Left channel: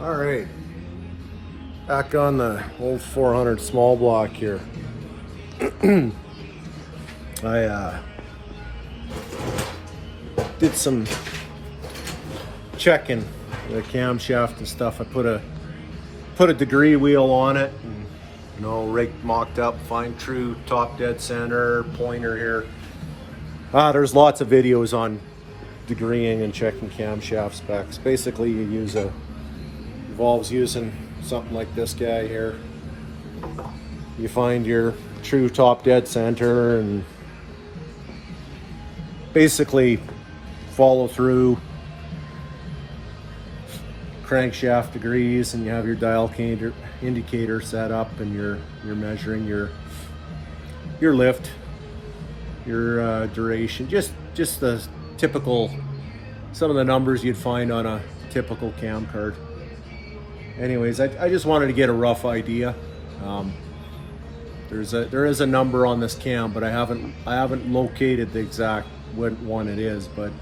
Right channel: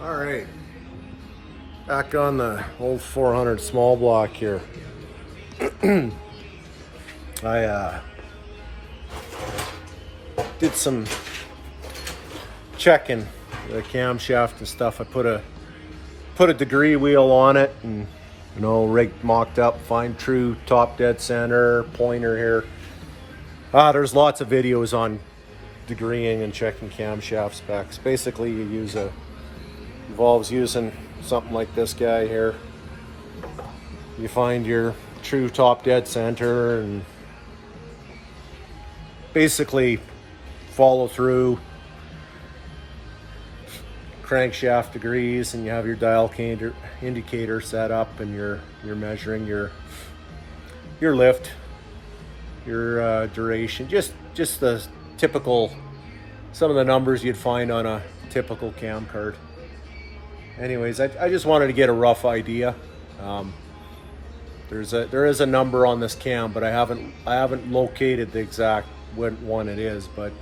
All right, back on the old 400 small block here. I did some checking the camshaft and stuff. I put a degree wheel on it, and rigged, mocked up, find true top dead center, pointer here. There's lots of videos on degreeing and checking camshaft specs. Basically, involves using something like this guy here. You find your true top dead center and basically follow through crankshaft degrees, and you have your dial indicator set up, and you're measuring your lift, your duration, just the typical, some of the numbers you'd find on a typical cam card. Anyways, I just wanted to get a rough idea. There is a number on this cam, but I haven't located the exact one it is. But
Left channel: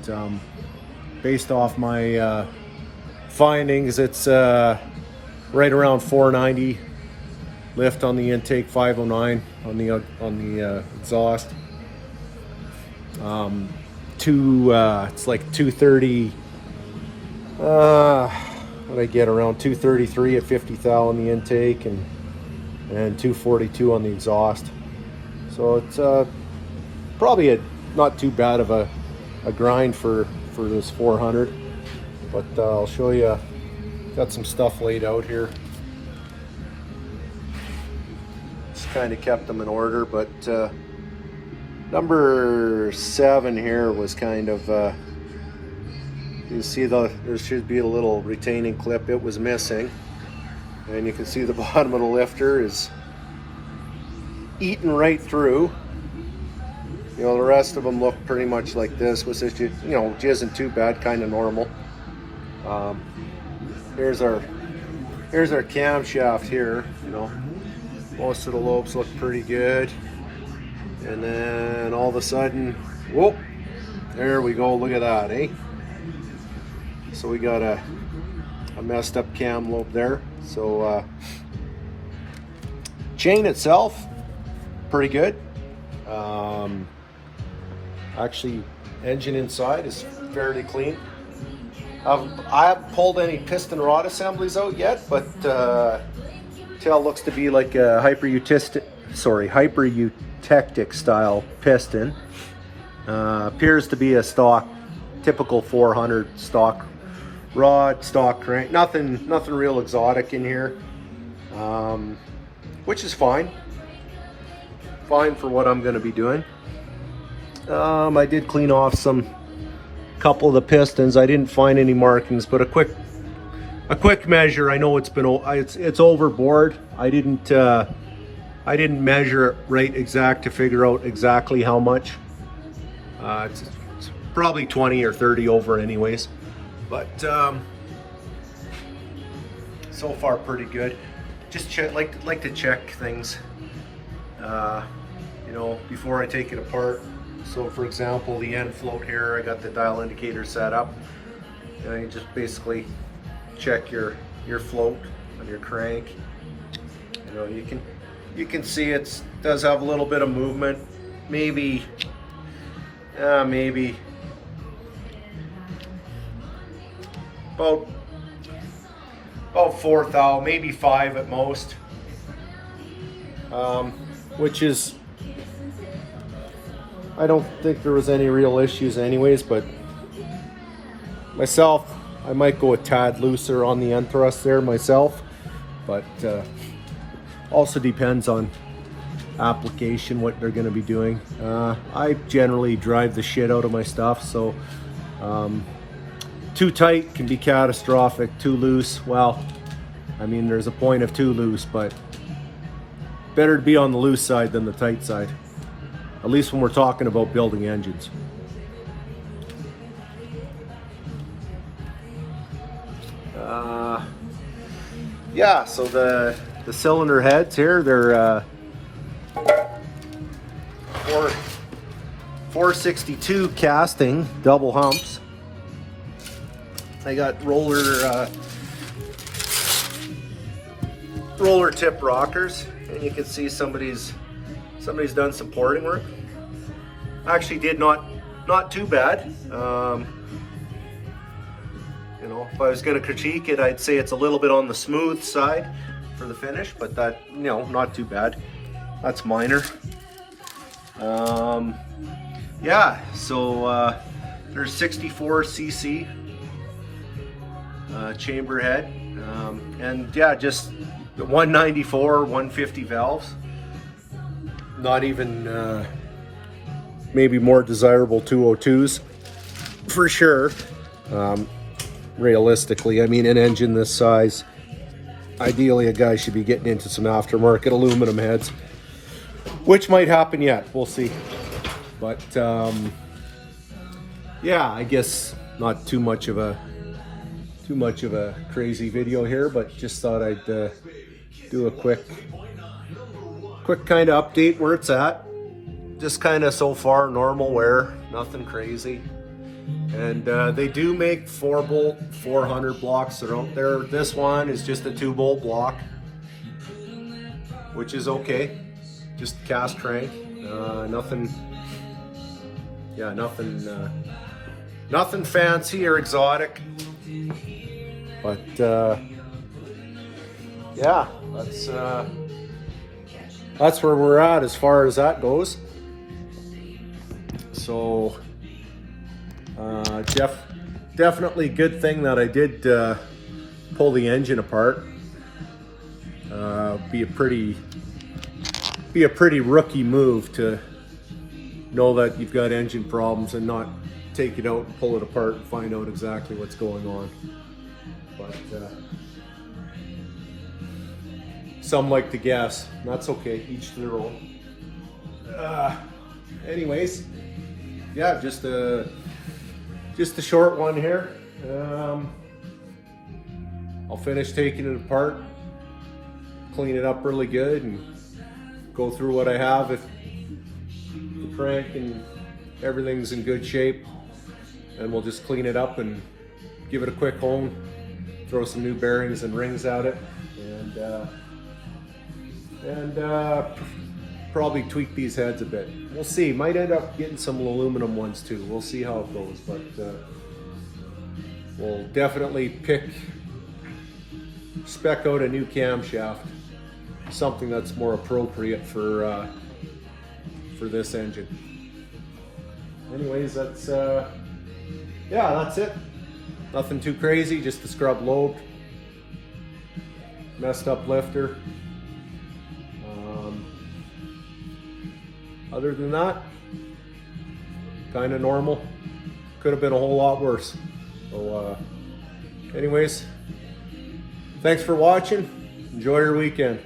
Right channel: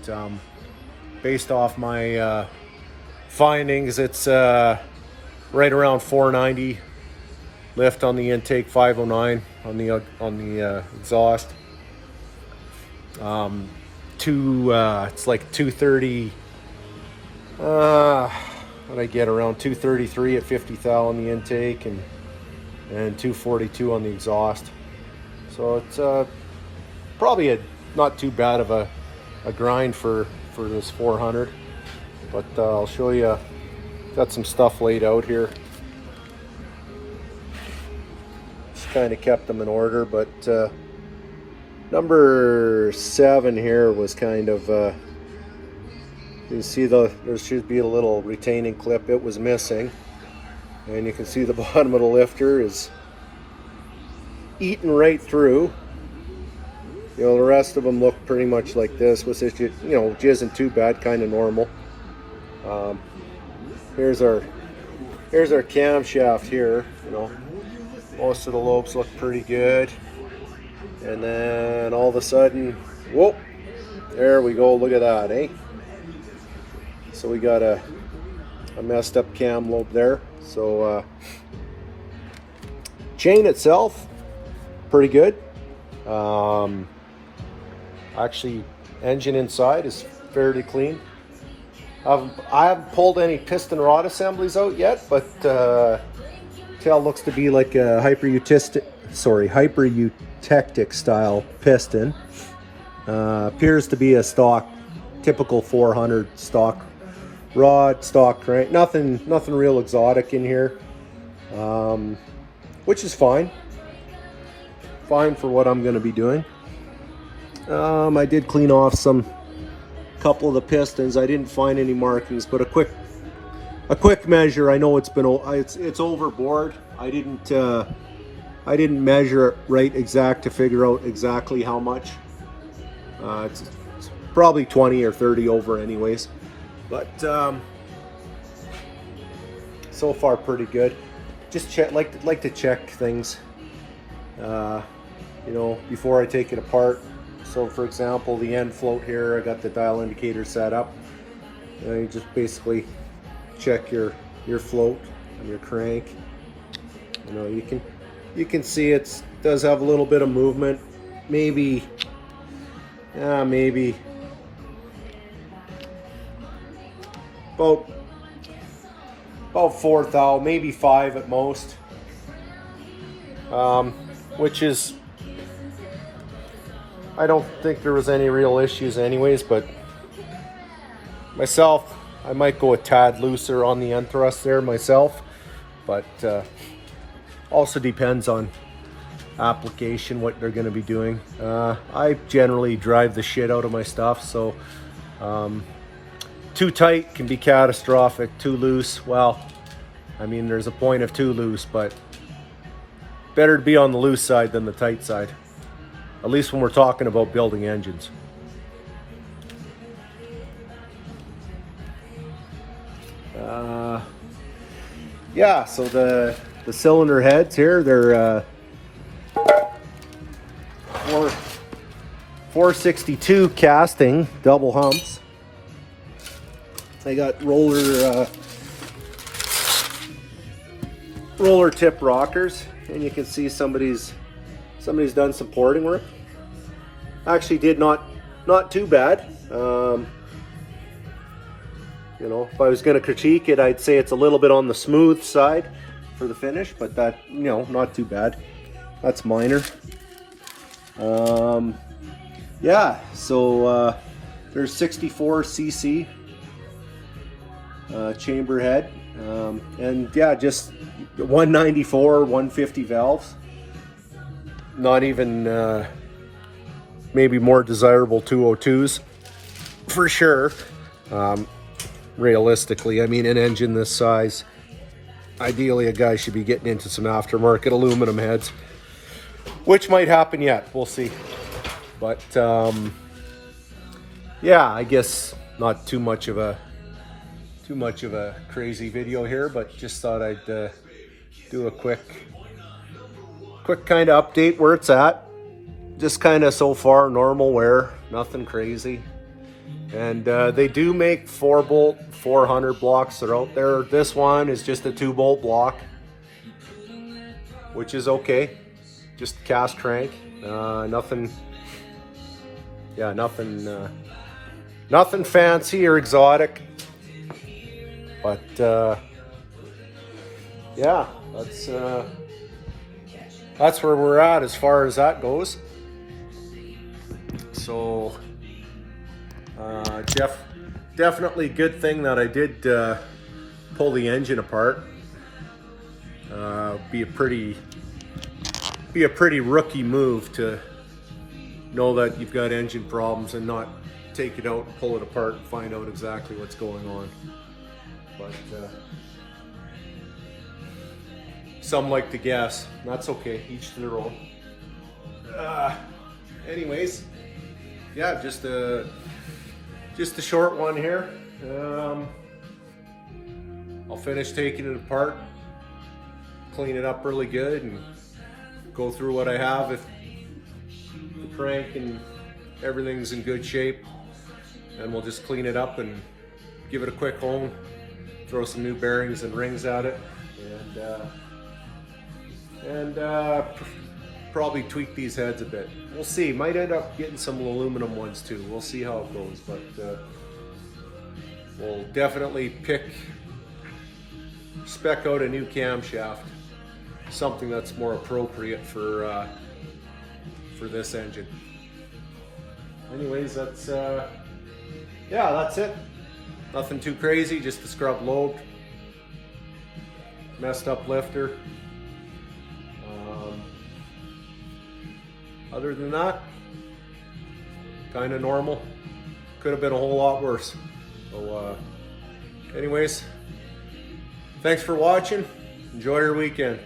based off my findings, it's right around 490 lift on the intake, 509 on the exhaust. It's like 230. What I get, around 233 at 50 thou on the intake, and 242 on the exhaust. So it's probably not too bad of a grind for this 400. But I'll show you. Got some stuff laid out here. Just kind of kept them in order, but number 7 here was kind of. You see there should be a little retaining clip. It was missing, and you can see the bottom of the lifter is eaten right through. The rest of them look pretty much like this, which is which isn't too bad, kind of normal. Here's our camshaft here. Most of the lobes look pretty good, and then all of a sudden, whoop! There we go. Look at that, eh? So we got a messed up cam lobe there. So chain itself, pretty good. Actually, engine inside is fairly clean. I haven't pulled any piston rod assemblies out yet, but tail looks to be like a hyper-eutectic style piston. Appears to be a stock, typical 400 stock rod, stock crank. Nothing real exotic in here, which is fine for what I'm going to be doing. I did clean off couple of the pistons. I didn't find any markings, but a quick measure. I know it's overboard. I didn't measure it right exact to figure out exactly how much. It's probably 20 or 30 over anyways, but so far pretty good. Just like to check things before I take it apart. So for example, the end float here, I got the dial indicator set up. You just basically check your float on your crank. You can see it does have a little bit of movement, maybe about 4 thou, maybe 5 at most, which is, I don't think there was any real issues anyways, but myself, I might go a tad looser on the end thrust there myself, but also depends on application, what they're going to be doing. I generally drive the shit out of my stuff, so too tight can be catastrophic. Too loose, well, I mean, there's a point of too loose, but better to be on the loose side than the tight side, at least when we're talking about building engines. Yeah, so the cylinder heads here, they're 462 casting, double humps. They got roller roller tip rockers, and you can see somebody's done some porting work. Actually did not too bad. You know, if I was going to critique it, I'd say it's a little bit on the smooth side for the finish, but that, you know, not too bad. That's minor. Yeah, so there's 64 cc chamber head, and yeah, just 194, 150 valves. Not even maybe more desirable 202s for sure. Realistically, I mean, an engine this size, ideally a guy should be getting into some aftermarket aluminum heads, which might happen yet. We'll see. But yeah, I guess not too much of a crazy video here, but just thought I'd do a quick kind of update where it's at. Just kind of so far normal wear, nothing crazy. And they do make 4-bolt 400 blocks that are out there. This one is just a 2-bolt block, which is okay. Just cast crank. Nothing fancy or exotic. But yeah, that's where we're at as far as that goes. So definitely good thing that I did pull the engine apart. Be a pretty rookie move to know that you've got engine problems and not take it out and pull it apart and find out exactly what's going on. But some like to guess. That's okay, each to their own. Anyways, yeah, just a short one here. I'll finish taking it apart, clean it up really good, and go through what I have. If the crank and everything's in good shape, and we'll just clean it up and give it a quick hone, throw some new bearings and rings at it, and probably tweak these heads a bit. We'll see. Might end up getting some aluminum ones too. We'll see how it goes, but we'll definitely spec out a new camshaft, something that's more appropriate for this engine. Anyways, that's yeah, that's it. Nothing too crazy, just a scrub lobe, messed up lifter. Other than that, kind of normal. Could have been a whole lot worse. So anyways, thanks for watching. Enjoy your weekend.